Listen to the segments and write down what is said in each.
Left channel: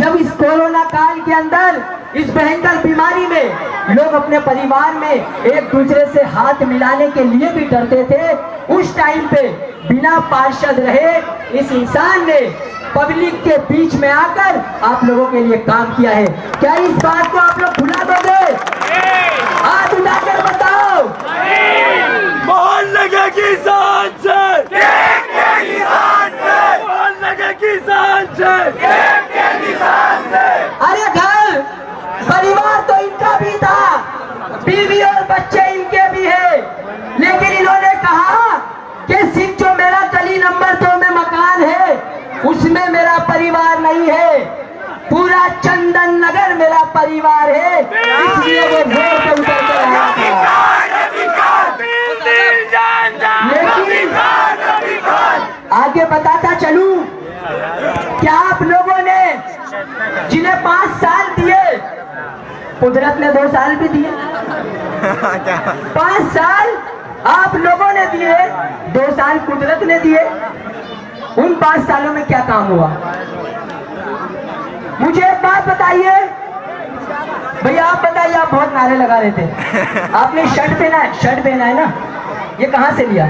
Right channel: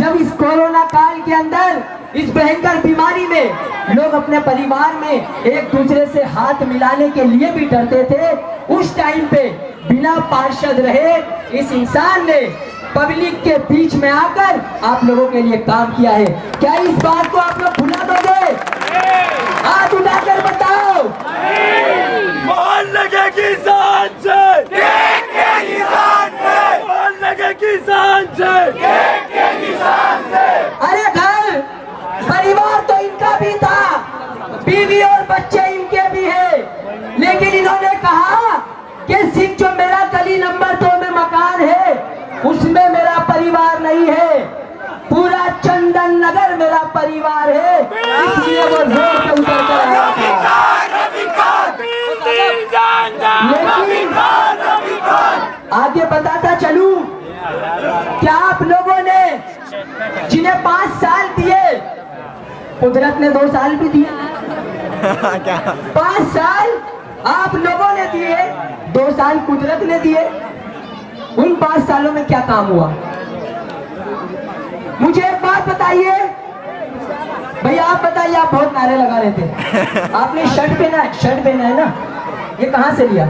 जब इस कोरोना काल के अंदर, इस भयंकर बीमारी में लोग अपने परिवार में एक दूसरे से हाथ मिलाने के लिए भी डरते थे, उस टाइम पे बिना पार्षद रहे इस इंसान ने पब्लिक के बीच में आकर आप लोगों के लिए काम किया है। क्या इस बात को आप लोग भुला दोगे? हाथ उठाकर बताओ। मान लगे किसान से, मान लगे किसान से। अरे घर परिवार तो इनका भी था, बीवी और बच्चे इनके भी है, लेकिन इन्होंने कहा कि सिर्फ जो मेरा गली नंबर 2 में मकान है उसमें मेरा परिवार नहीं है, पूरा चंदन नगर मेरा परिवार है, इसलिए वो रोड पे उतर कर आया था। लेकिन आगे बताता चलूं, क्या आप लोगों ने जिन्हें 5 साल दिए, कुदरत ने 2 साल भी दिए, 5 साल आप लोगों ने दिए, 2 साल कुदरत ने दिए, उन 5 सालों में क्या काम हुआ? मुझे एक बात बताइए भैया, आप बताइए। आप बहुत नारे लगा रहे थे। आपने शर्ट पहना है ना, ये कहाँ से लिया?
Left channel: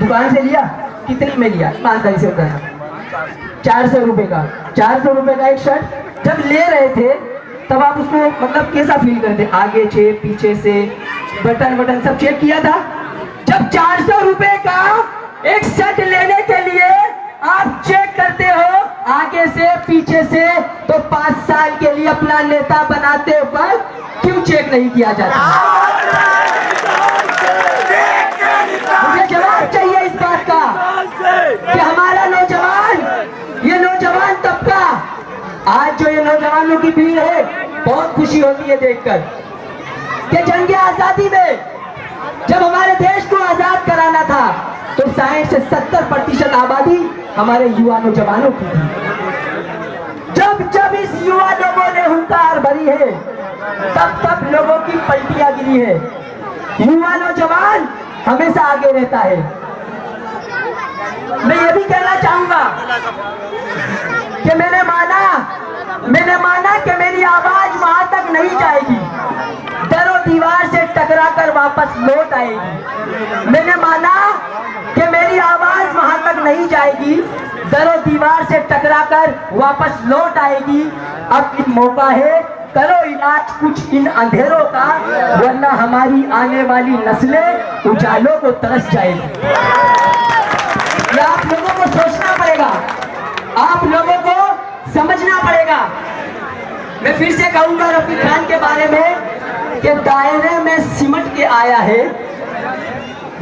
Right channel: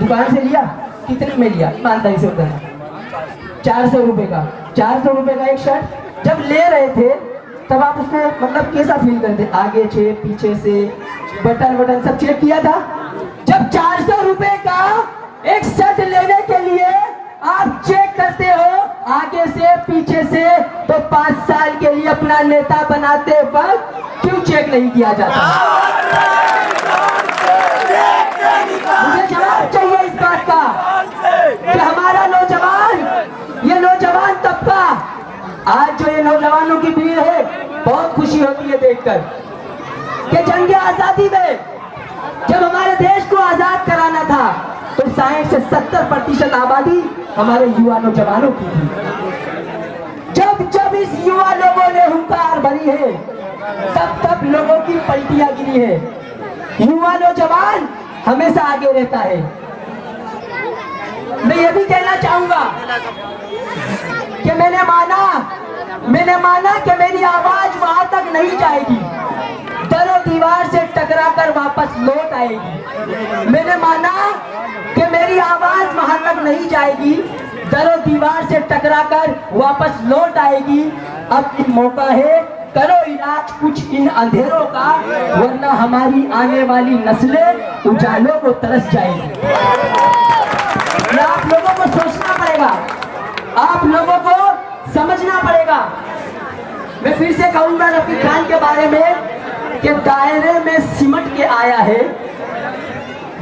दुकान से लिया? कितने में लिया? ईमानदारी से बताना। 400 रुपए का। 400 रुपए का एक शर्ट जब ले रहे थे तब आप उसको मतलब कैसा फील करते? आगे से, पीछे से, बटन सब चेक किया था? जब 400 रुपए का एक शर्ट लेने के लिए आप चेक करते हो आगे से, पीछे से, तो 5 साल के लिए अपना नेता बनाते वक्त क्यों चेक नहीं किया जाता? मुझे जवाब चाहिए इस बात का कि हमारा नौजवान, ये नौजवान तबका, आज जो ये नौजवानों की भीड़ है, बहुत खुशी होती है देखकर कि जंग आजादी में जब हमारे देश को आजाद कराना था तो 60 से 70% आबादी हमारे युवा नौजवानों की थी। जब इस युवा लोगों ने हुंकार भरी है, तब लोगों की पलटियां गिरी है। युवा नौजवान हमेशा आगे रहता है। मैं ये भी कहना चाहूंगा कि मैंने माना कि मेरी आवाज वहां तक नहीं जाएगी, दरों दीवार से टकरा कर वापस लौट आएगी। मैंने माना कि मेरी आवाज वहां तक नहीं जाएगी, दरों दीवार से टकरा कर वापस लौट आएगी। अब मौका है, करो इलाज कुछ इन अंधेरों का, वरना हमारी आने वाली नस्लें उजालों को तरस जाएगी। ये आप लोगों को सोचना पड़ेगा, आप लोगों को समझना पड़ेगा। मैं फिर से कहूंगा रफीक खान के बारे में कि दायरे में सिमट के आया है,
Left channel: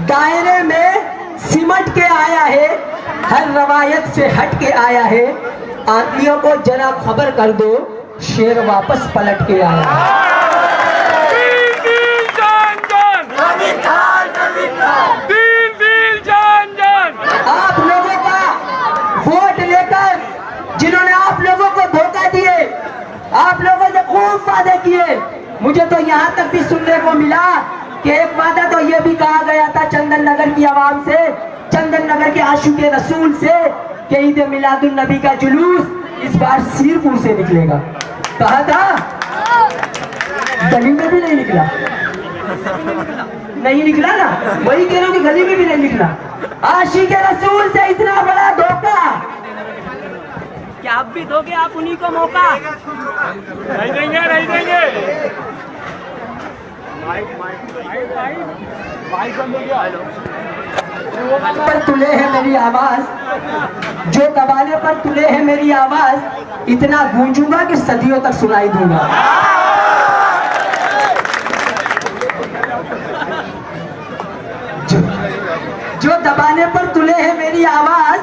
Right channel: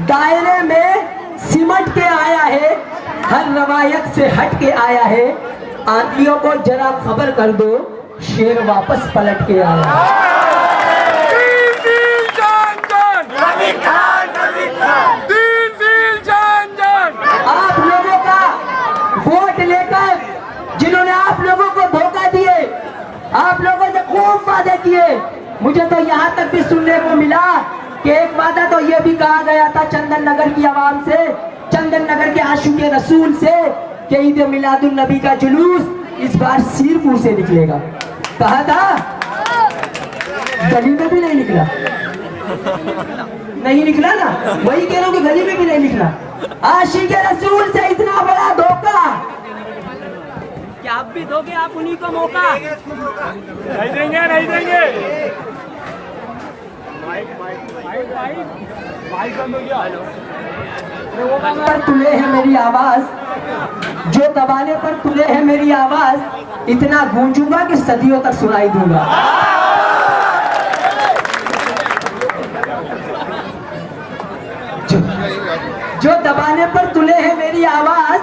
दायरे में सिमट के आया है, हर रवायत से हट के आया है। आंधियों को जरा खबर कर दो, शेर वापस पलट के आया है। आप लोगों का वोट लेकर जिन्होंने आप लोगों को धोखा दिए, आप लोगों से खूब वादे किए, मुझे तो यहाँ तक भी सुनने को मिला कि एक वादा तो ये भी कहा गया था चंदन नगर की आवाम से, चंदन नगर के आशिक़े रसूल से, कि ईद मिलादुन नबी का जुलूस इस बार सीरपुर से निकलेगा। कहा था, गली में भी नहीं निकला। नहीं निकला ना, वही कह रहा हूं कि गली में भी नहीं निकला। आशिक़े रसूल से इतना बड़ा धोखा, क्या आप भी दोगे? आप उन्हीं को मौका नहीं देंगे। पर तुले है मेरी आवाज, जो दबाने पर तुले है मेरी आवाज, इतना गूंजूंगा कि सदियों तक सुनाई दूंगा। जो दबाने पर तुले है मेरी आवाज,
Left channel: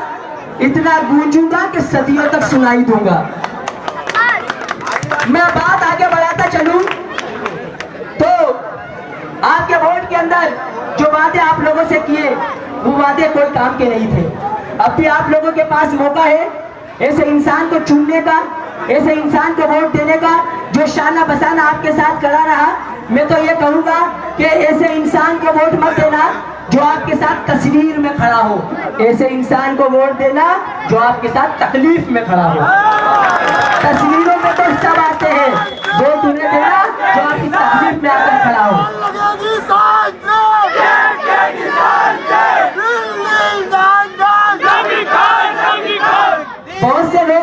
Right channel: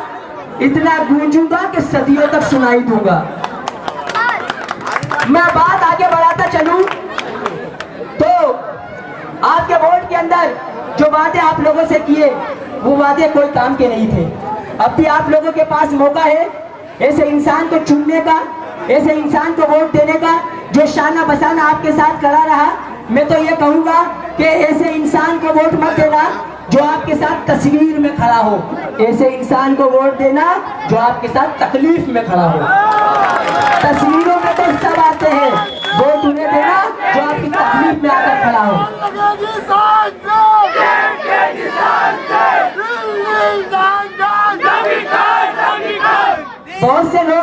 इतना गूंजूंगा कि सदियों तक सुनाई दूंगा। मैं बात आगे बढ़ाता चलूं तो आपके वोट के अंदर जो वादे आप लोगों से किए, वो वादे कोई काम के नहीं थे। अब भी आप लोगों के पास मौका है ऐसे इंसान को चुनने का, ऐसे इंसान को वोट देने का जो शाना बसाना आपके साथ खड़ा रहा। मैं तो ये कहूंगा कि ऐसे इंसान को वोट मत देना जो आपके साथ तस्वीर में खड़ा हो, ऐसे इंसान को वोट देना जो आपके साथ तकलीफ में खड़ा हो।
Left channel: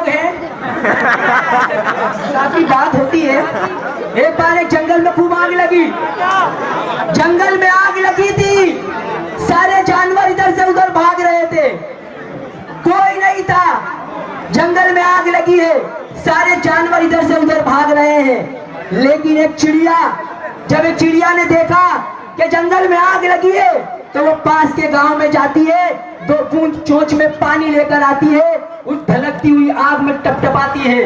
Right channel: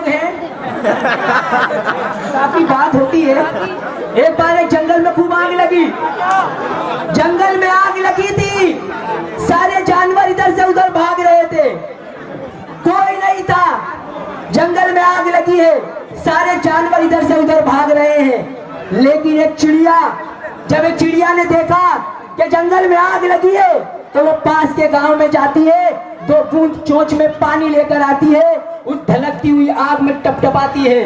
हैं, काफी बात होती है। एक बार एक जंगल में खूब आग लगी, जंगल में आग लगी थी, सारे जानवर इधर से उधर भाग रहे थे, कोई नहीं था। जंगल में आग लगी है, सारे जानवर इधर से उधर भाग रहे हैं, लेकिन एक चिड़िया, जब एक चिड़िया ने देखा कि जंगल में आग लगी है, तो वो पास के गांव में जाती है, 2 बूंद चोंच में पानी लेकर आती है, उस धलकती हुई आग में टपटपाती है,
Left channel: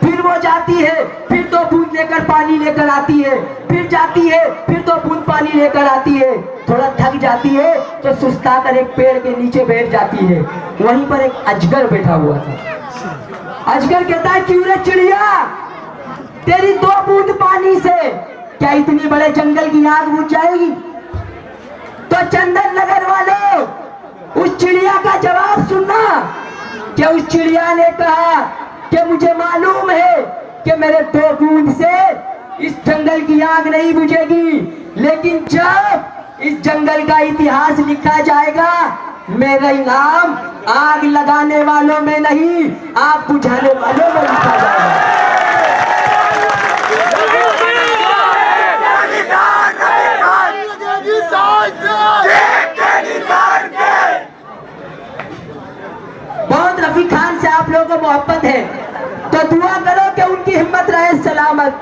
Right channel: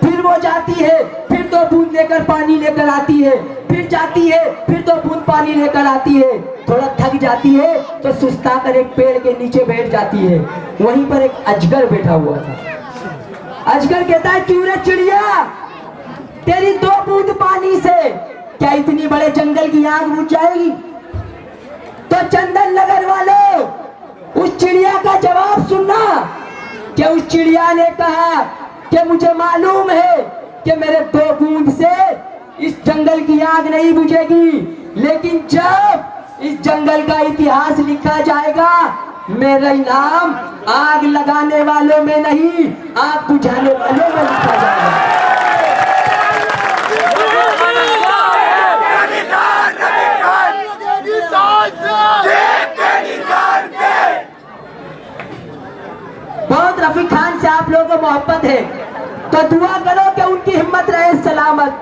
फिर वो जाती है, फिर 2 बूंद लेकर पानी लेकर आती है, फिर जाती है, फिर 2 बूंद पानी लेकर आती है, थोड़ा थक जाती है तो सुस्ता कर एक पेड़ के नीचे बैठ जाती है। वहीं पर एक अजगर बैठा हुआ था। अजगर कहता है, क्यों रे चिड़िया, तेरी 2 बूंद पानी से क्या इतनी बड़े जंगल की आग बुझ जाएगी? तो चंदन नगर वालों, उस चिड़िया का जवाब सुनना। क्या उस चिड़िया ने कहा कि मुझे मालूम है कि मेरे 2 बूंद से इस जंगल की आग नहीं बुझेगी, लेकिन जब इस जंगल का इतिहास लिखा जाएगा, मेरा नाम आग लगाने वालों में नहीं, आग बुझाने वालों में लिखा जाएगा। बहुत रफी खान से आप लोगों को मोहब्बत है, तो दुआ करो कि उनकी हिम्मत रहे सलामत,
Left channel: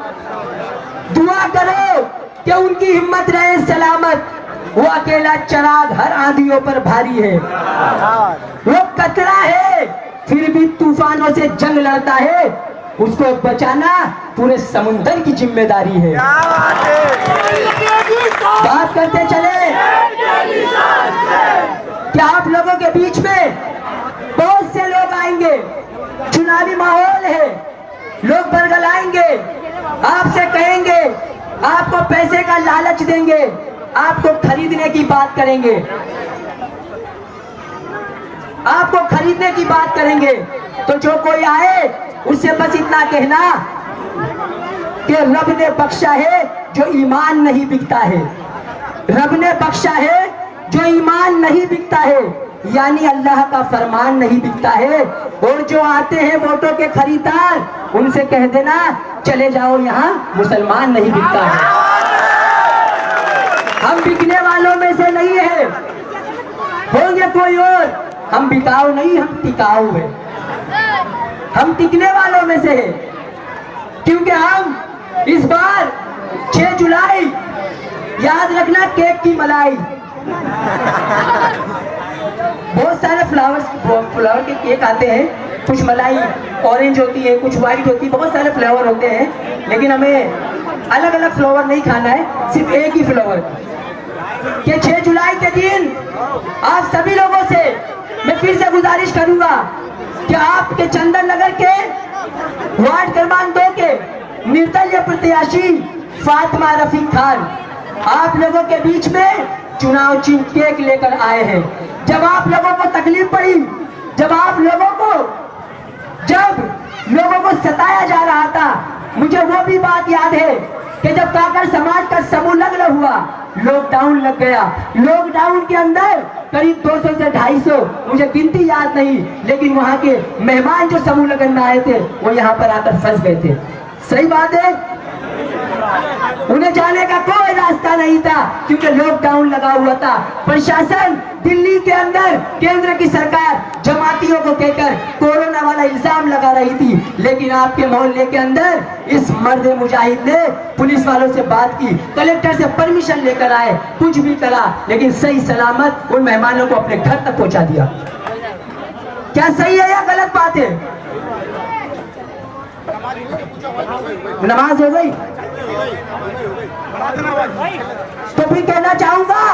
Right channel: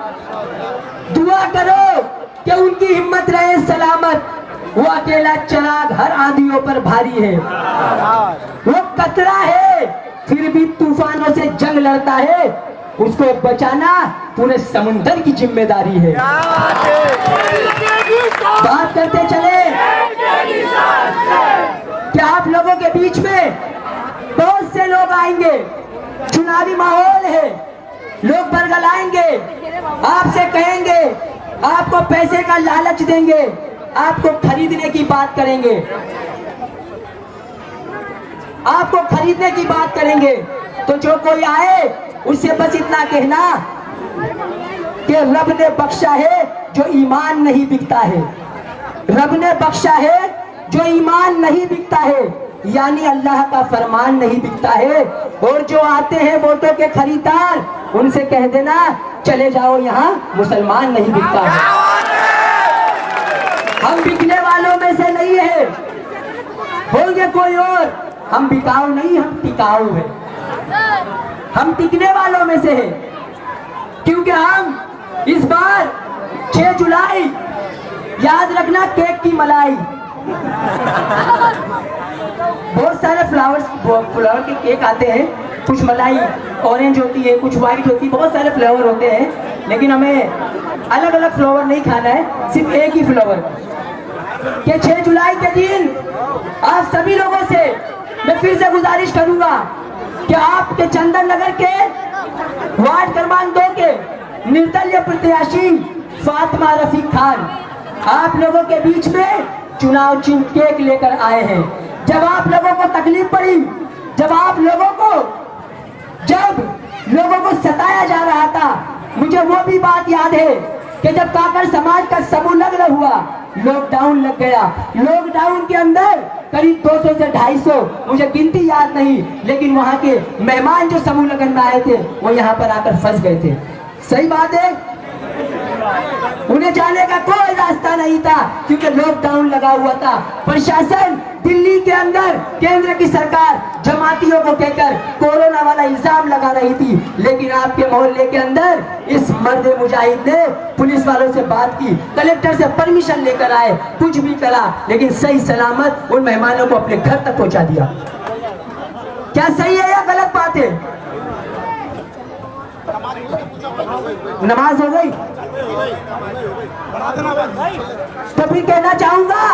दुआ करो कि उनकी हिम्मत रहे सलामत। वो अकेला चराग हर आंधियों पर भारी है, वो कतरा है फिर भी तूफानों से जंग लड़ता है, उसको बचाना पूरे समुंदर की जिम्मेदारी है। बात करते चले क्या आप लोगों के बीच में बहुत से लोग आएंगे, चुनावी माहौल है, लोग बरगलाएंगे, आपसे कहेंगे, आपको पैसे का लालच देंगे, आपको खरीदने की बात करेंगे, आपको खरीदने की बात करेंगे। तो जो कोई आए उससे बस इतना कहना कि रब ने बख्शा है जो ईमान नहीं बिकता है, रब ने बख्शा है जो ईमान नहीं बिकता है, यानी अल्लाह का फरमान नहीं बिकता है। और जो आते हैं वोटों के खरीदार, उनसे कह देना चले जाओ, यहाँ मुसलमान नहीं बिकता है। हम बिकने वालों में से नहीं है, होंगे कोई और, हम बिकाऊ नहीं, हम टिकाऊ है, हम टिकने वालों में से है। क्योंकि हम इस बार 6 जुलाई, याद रखना, केक की मलाई, बहुत सारे फ्लावर के केक आते हैं, कुछ मलाई ऑरेंज होती है, कुछ व्हाइट होती है, बहुत सारे फ्लेवर होते हैं, लेकिन हमें अलग अलग फ्लेवर नहीं खाना है, सिर्फ एक ही फ्लेवर। कि 6 जुलाई के दिन आप सभी लोगों से मैं फिर से गुजारिश करूंगा कि आपके चंदन नगर के वार्ड क्रमांक 2 के निर्दलीय प्रत्याशी फातिमा रफीक खान आप लोगों के बीच में चुनाव चिन्ह केक लेकर आए हैं। जब आप लोगों को तकलीफ पड़ी, जब लोगों को सताया जा रहा था, मुझे वो भी बात याद है कि जब काकर समाज का समूह लग्न हुआ, लॉकडाउन लग गया, लॉकडाउन के अंदर करीब 200 से 250, मुझे गिनती याद नहीं, लेकिन वहां के मेहमान जो समूह लगन में आए थे वो यहाँ पर आकर फंस गए थे। सही बात है, उन्हें जाने का कोई रास्ता नहीं था क्योंकि लॉकडाउन लगा हुआ था। प्रशासन दिल्ली के अंदर केंद्र की सरकार जमातियों को कहकर कोरोना वाला इल्जाम लगा रही थी, लेकिन आपके मोहल्ले के अंदर इस मर्द मुजाहिद ने पुलिस वालों से बात की, कलेक्टर से परमिशन लेकर आए, कुछ भी करा, लेकिन सही सलामत उन मेहमानों को अपने घर तक पहुंचा दिया। क्या सही है या गलत बात है? नमाज हो गई तो भी कहना चाहूंगा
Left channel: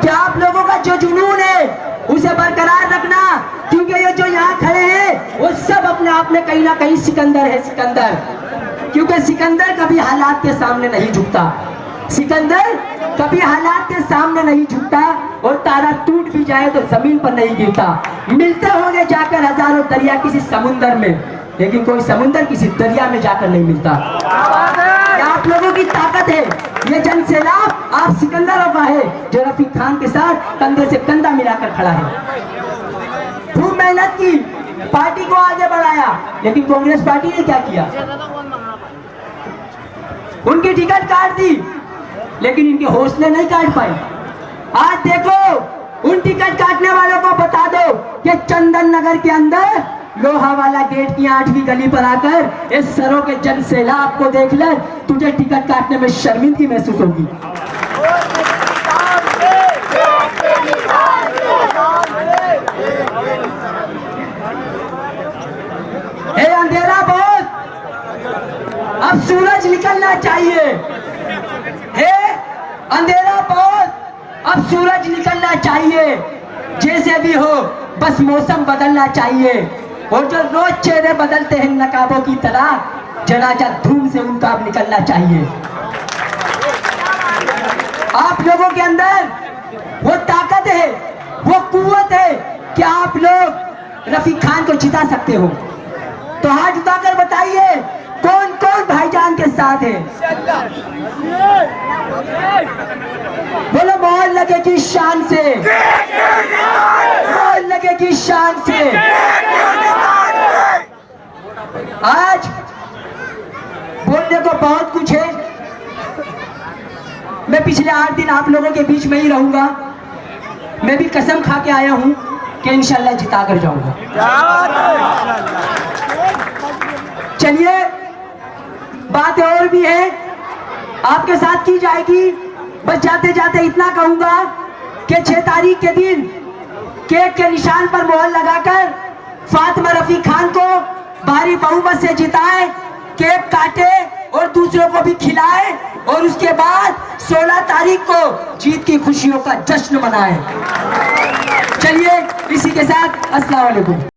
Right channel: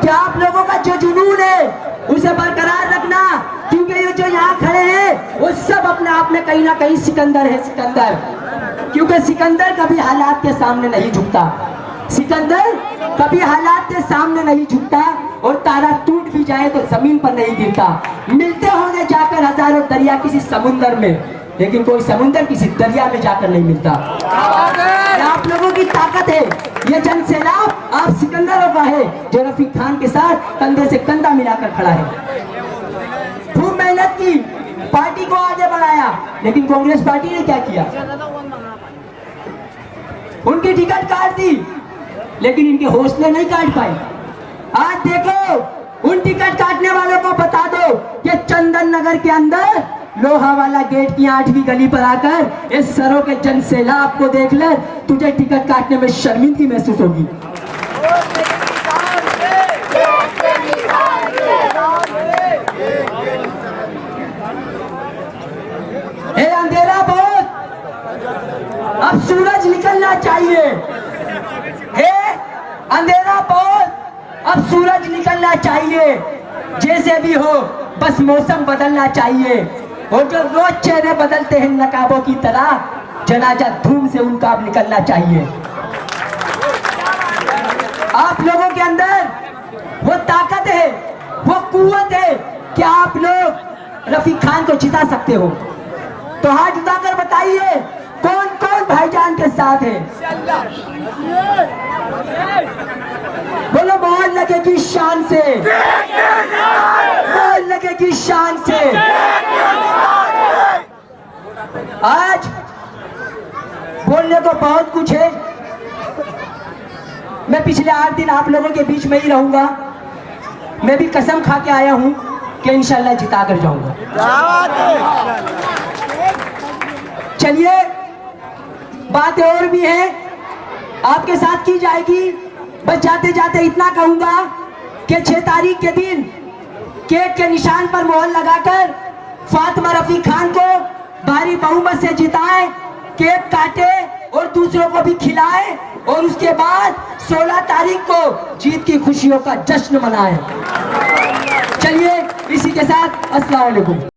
कि आप लोगों का जो जुनून है उसे बरकरार रखना, क्योंकि ये जो यहाँ खड़े हैं वो सब अपने आप में कहीं ना कहीं सिकंदर है, सिकंदर। क्योंकि सिकंदर कभी हालात के सामने नहीं झुकता, सिकंदर कभी हालात के सामने नहीं झुकता, और तारा टूट भी जाए तो जमीन पर नहीं गिरता। मिलते होंगे जाकर हजारों दरिया किसी समुंदर में, लेकिन कोई समुंदर किसी दरिया में जाकर नहीं मिलता। आप लोगों की ताकत है, ये जन सैलाब आप सिकंदरों का है जो रफीक खान के साथ कंधे से कंधा मिलाकर खड़ा है। मेहनत की, पार्टी को आगे बढ़ाया, लेकिन कांग्रेस पार्टी ने क्या किया? उनकी टिकट काट दी, लेकिन इनके हौसले नहीं काट पाई। आज देखो, उन टिकट काटने वालों को बता दो कि चंदन नगर के अंदर लोहा वाला गेट की 8वीं गली पर आकर इस सरों के जन सैलाब को देख ले, तुझे टिकट काटने में शर्मिंदगी महसूस होगी। हे अंधेरा बहुत, अब सूरज निकलना चाहिए। हे अंधेरा बहुत, अब सूरज निकलना चाहिए। जैसे भी हो, बस मौसम बदलना चाहिए। और जो रोज चेहरे बदलते हैं नकाबों की तरह, जनाजा धूम से उनका अब निकलना चाहिए। आप लोगों के अंदर वो ताकत है, वो कुव्वत है कि आप लोग रफीक खान को जिता सकते हो। तो हाथ उठाकर बताइए, कौन कौन भाईजान के साथ है? बोलो, मोहन लगेगी शान से, मोहन लगेगी शान से। आज बोलने को बहुत कुछ है। मैं पिछले 8 दिन आप लोगों के बीच में ही रहूंगा। मैं भी कसम खा के आया हूं कि इंशाल्लाह जिता कर जाऊंगा। चलिए, बातें और भी है, आपके साथ की जाएगी। बस जाते जाते इतना कहूंगा कि 6 तारीख के दिन केक के निशान पर मोहर लगाकर फातिमा रफीक खान को भारी बहुमत से जिताए, केक काटे और दूसरों को भी खिलाए, और उसके बाद 16 तारीख को जीत की खुशियों का जश्न मनाए। चलिए, इसी के साथ अस्सलाम वालेकुम।